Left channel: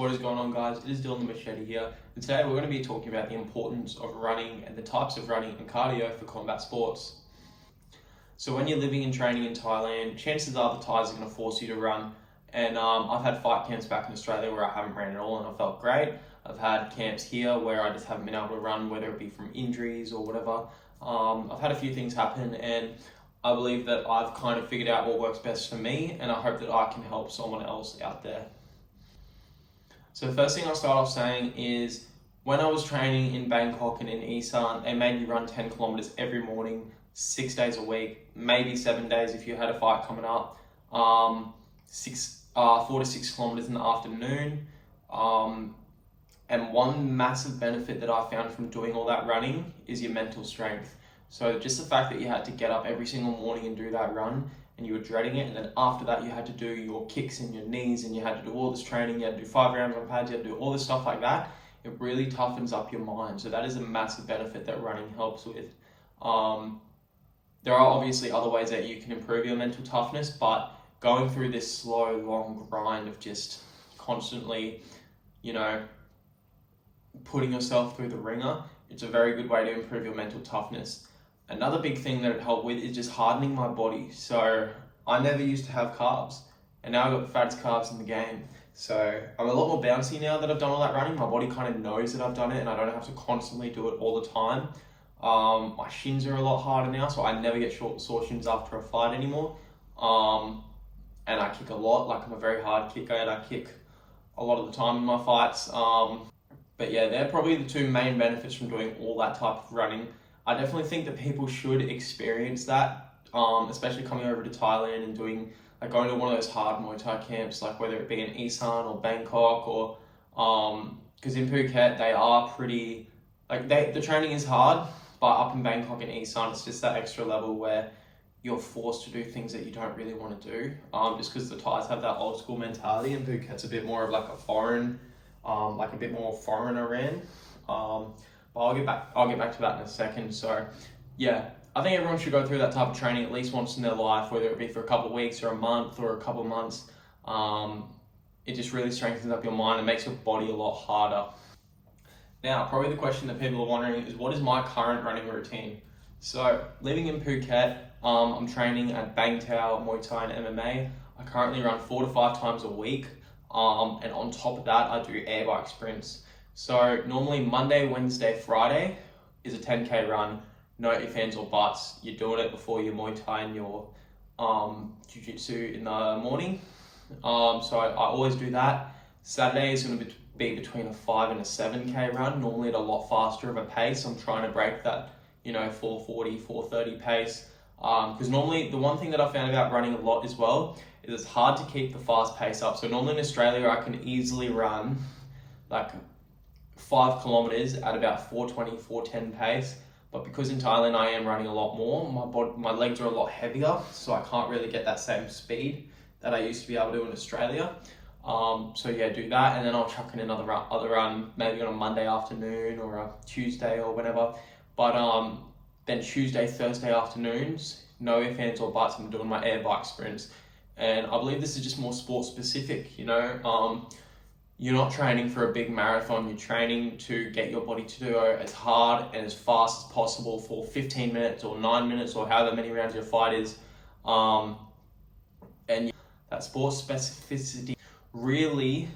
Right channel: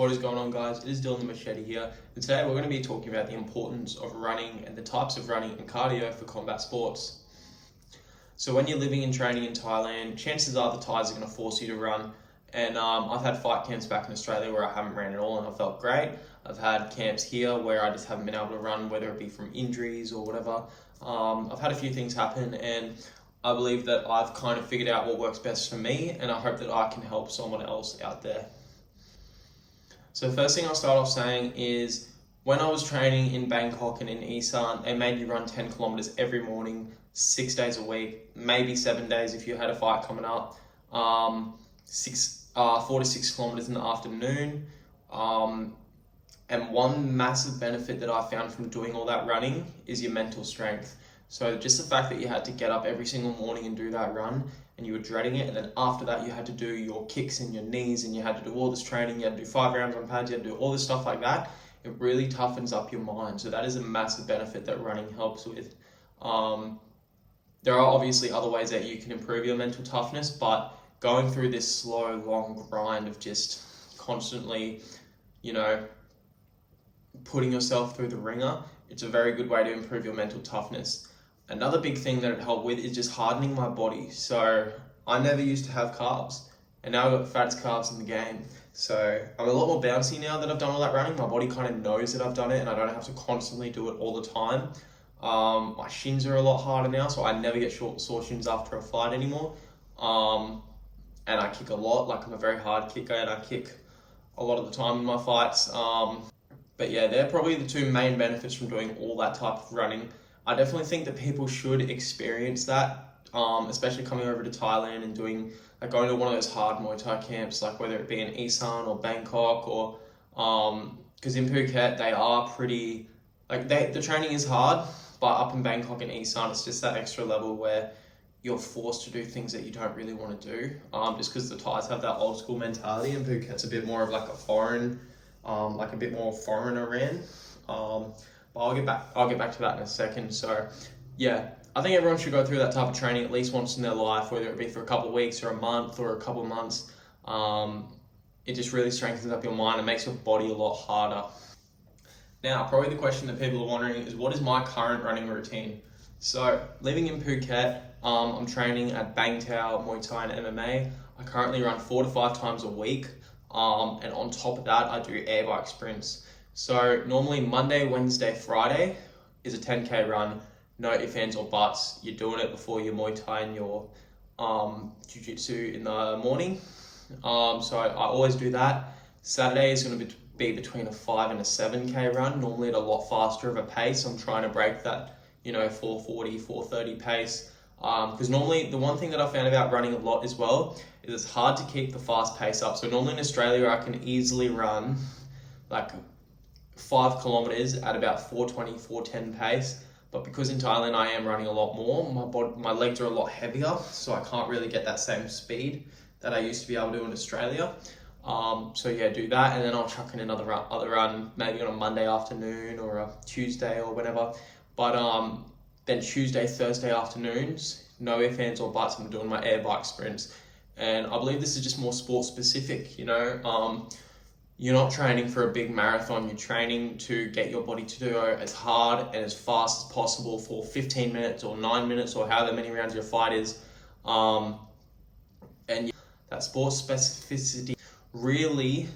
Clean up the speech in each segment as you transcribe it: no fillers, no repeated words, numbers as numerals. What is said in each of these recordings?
What is going on, guys? It is Dylan the Machete here, and today we're going to be talking about the importance of running and the types of running and cardio for combat sports. So when you're living and training in Thailand, chances are the Thais are going to force you to run, and I've had fight camps back in Australia where I haven't ran at all and I felt great. I've had camps here where I just haven't been able to run, whether it be from injuries or whatever. I've had a few things happen, and I believe that I've kind of figured out what works best for me, and I hope that I can help someone else out there. So the first thing I'll start off saying is when I was training in Bangkok and in Isan, they made you run 10 kilometers every morning, 6 days a week, maybe 7 days if you had a fight coming up, 4 to 6 kilometers in the afternoon. And one massive benefit that I found from doing all that running is your mental strength. So just the fact that you had to get up every single morning and do that run, and you were dreading it, and then after that you had to do your kicks and your knees, and you had to do all this training, you had to do 5 rounds on pads, you had to do all this stuff like that, it really toughens up your mind. So that is a massive benefit that running helps with. There are obviously other ways that you can improve your mental toughness, but going through this slow, long grind of just constantly, putting yourself through the ringer, it's a very good way to improve your mental toughness. Another big thing that it helped with is just hardening my body. So I never used to have carbs, and now I've got the fattest carbs in the game. So I'm a lot more bouncy now that I've done all that running. My body kind of knows that I've done it, and I don't have to constantly do it all the time. My shins are a lot harder now, so I never get sore shins after a fight anymore. And I kick a lot, like I'm a very hard kicker, and I kick a lot of the time in my fights. But yeah, they're probably the two main benefits from doing all that type of running. I definitely think that people should experience that, especially coming over to Thailand and going to one of those hard Muay Thai camps, like whether it be in Isan or Bangkok, or because in Phuket they are pretty, the training is hard, but up in Bangkok and Isan it's just that extra level where you're forced to do things that you don't really want to do, just because the Thais have that old school mentality, and Phuket's a bit more of like a foreign, a bit more foreigner ran. But I'll get back to that in a second. So yeah, I think everyone should go through that type of training at least once in their life, whether it be for a couple of weeks or a month or a couple of months. It just really strengthens up your mind and makes your body a lot harder. Now, probably the question that people are wondering is, what is my current running routine? So living in Phuket, I'm training at Bang Tao, Muay Thai and MMA. I currently run 4 to 5 times a week. And on top of that, I do air bike sprints. So normally Monday, Wednesday, Friday is a 10K run. No ifs, ands or buts. You're doing it before your Muay Thai and your Jiu-Jitsu in the morning. So I always do that. Saturday is going to be between a 5 and a 7K run, normally at a lot faster of a pace. I'm trying to break that, 440, 430 pace. Because normally the one thing that I found about running a lot as well is it's hard to keep the fast pace up. So normally in Australia I can easily run 5 kilometers at about 420, 410 pace. But because in Thailand I am running a lot more, my legs are a lot heavier, so I can't really get that same speed that I used to be able to in Australia. So yeah, do that, and then I'll chuck in another run, maybe on a Monday afternoon or a Tuesday or whenever. But then Tuesday, Thursday afternoons, no ifs, ands or buts, I'm doing my air bike sprints. And I believe this is just more sport specific, You're not training for a big marathon, you're training to get your body to do as hard and as fast as possible for 15 minutes or 9 minutes or however many rounds your fight is. And that sport specificity really,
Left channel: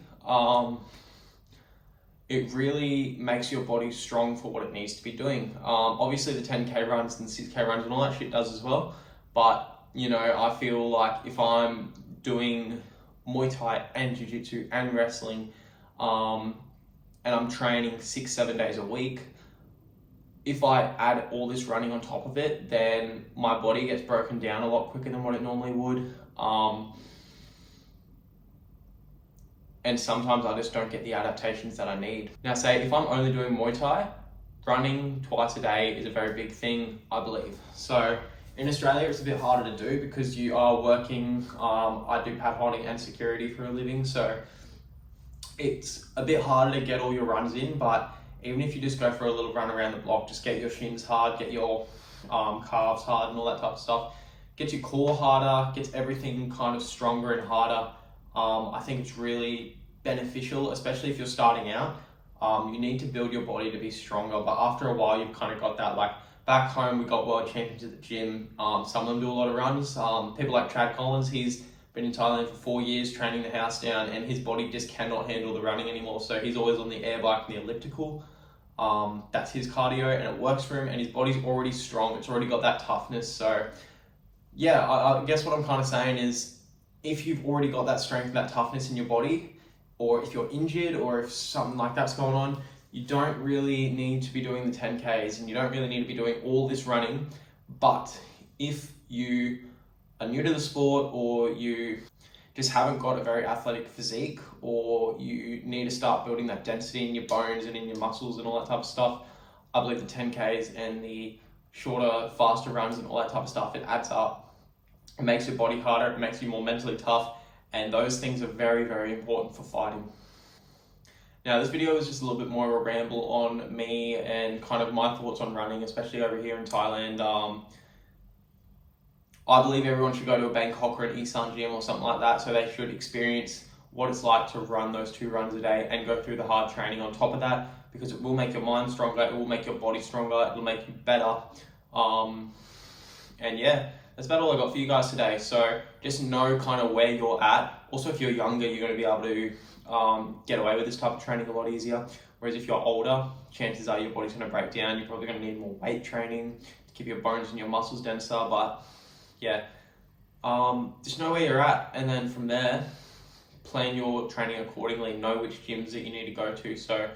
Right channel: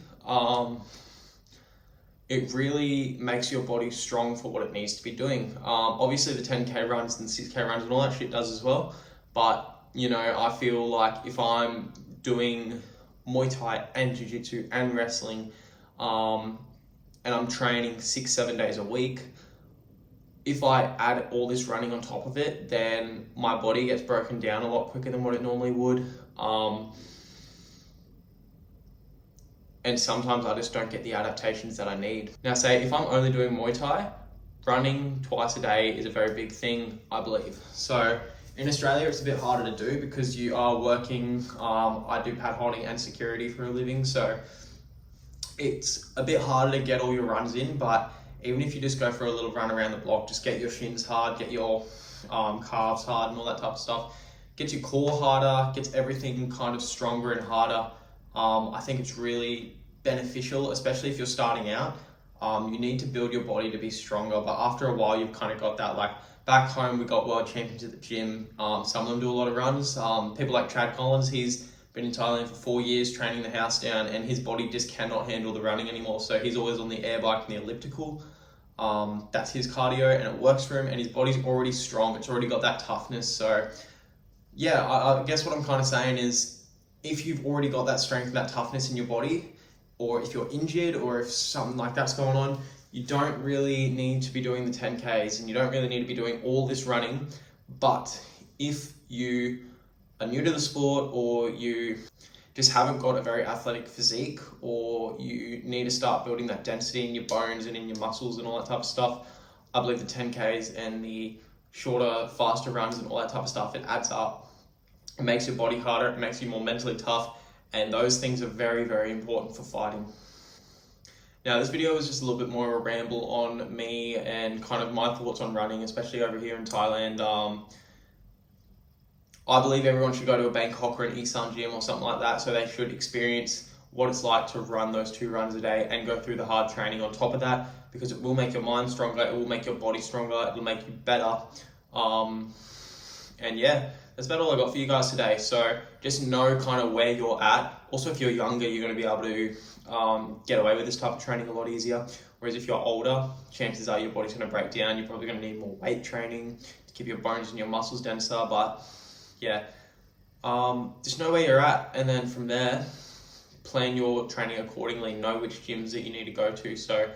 it really makes your body strong for what it needs to be doing. Obviously the 10K runs and 6K runs and all that shit does as well. But, I feel like if I'm doing Muay Thai and Jiu-Jitsu and wrestling, and I'm training 6-7 days a week, if I add all this running on top of it, then my body gets broken down a lot quicker than what it normally would. And sometimes I just don't get the adaptations that I need. Now say, if I'm only doing Muay Thai, running twice a day is a very big thing, I believe. So in Australia, it's a bit harder to do because you are working, I do pad holding and security for a living, so it's a bit harder to get all your runs in. But even if you just go for a little run around the block, just get your shins hard, get your calves hard and all that type of stuff, gets your core harder, gets everything kind of stronger and harder. I think it's really beneficial, especially if you're starting out. You need to build your body to be stronger, but after a while, you've kind of got that. Like back home, we got world champions at the gym. Some of them do a lot of runs. People like Chad Collins, he's been in Thailand for 4 years training the house down, and his body just cannot handle the running anymore. So he's always on the air bike and the elliptical. That's his cardio, and it works for him, and his body's already strong. It's already got that toughness. So yeah, I guess what I'm kind of saying is, if you've already got that strength and that toughness in your body, or if you're injured, or if something like that's going on, you don't really need to be doing the 10Ks, and you don't really need to be doing all this running. But if you are new to the sport, or you just haven't got a very athletic physique, or you need to start building that density in your bones and in your muscles and all that type of stuff, I believe the 10Ks and the shorter, faster runs and all that type of stuff, it adds up. It makes your body harder, it makes you more mentally tough, and those things are very, very important for fighting. Now, this video is just a little bit more of a ramble on me and kind of my thoughts on running, especially over here in Thailand. I believe everyone should go to a Bangkok or an Isan gym or something like that, so they should experience what it's like to run those 2 runs a day and go through the hard training on top of that, because it will make your mind stronger, it will make your body stronger, it will make you better. And yeah, that's about all I got for you guys today. So just know kind of where you're at. Also, if you're younger, you're going to be able to get away with this type of training a lot easier. Whereas if you're older, chances are your body's going to break down. You're probably going to need more weight training to keep your bones and your muscles denser. But yeah, just know where you're at, and then from there, plan your training accordingly. Know which gyms that you need to go to. So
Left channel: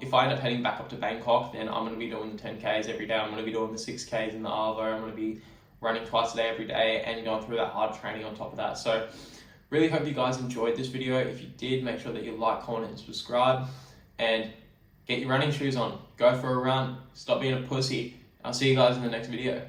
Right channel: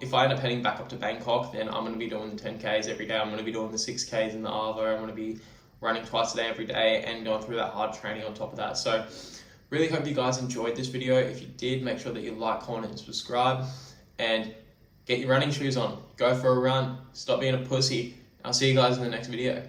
if I end up heading back up to Bangkok, then I'm going to be doing the 10Ks every day. I'm going to be doing the 6Ks in the Arvo. I'm going to be running twice a day every day and going through that hard training on top of that. So really hope you guys enjoyed this video. If you did, make sure that you like, comment, and subscribe, and get your running shoes on. Go for a run. Stop being a pussy. I'll see you guys in the next video.